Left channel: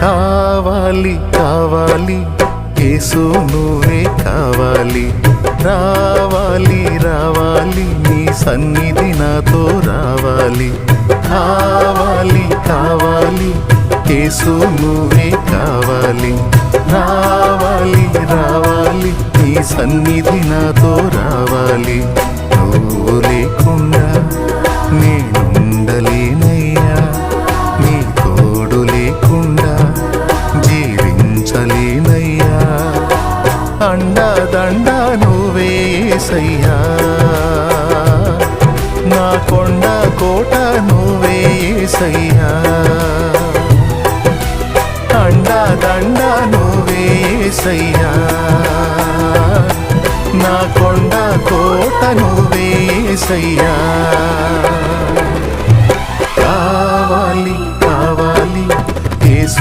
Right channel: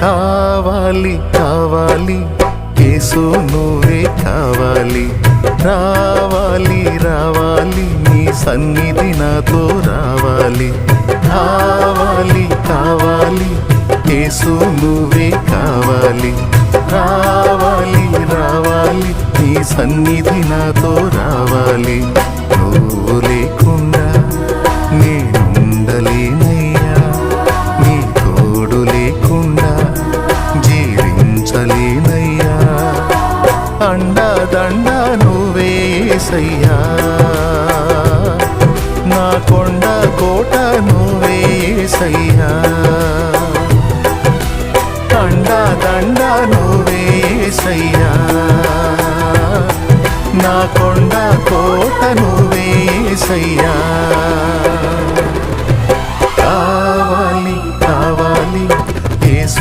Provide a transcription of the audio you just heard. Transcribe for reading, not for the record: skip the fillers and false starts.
కావాలి కావాలి యేసు నువ్వే కావాలి, రావాలి రావాలి నీ సన్నిధి నాతో రావాలి. కావాలి కావాలి యేసు నువ్వే కావాలి, రావాలి రావాలి నీ సన్నిధి నాతో రావాలి. నువ్వు లేకుండా నేనుండలేనయ్యా, నీ తోడు లేకుండా జీవించలేనయ్యా. అండా దండా నువ్వే యేసయ్యా, నా కొండ కోట నువ్వే యేసయ్యా. అండా దండా నువ్వే యేసయ్యా, నా కొండ కోట నువ్వే యేసయ్యా. కావాలి కావాలి యేసు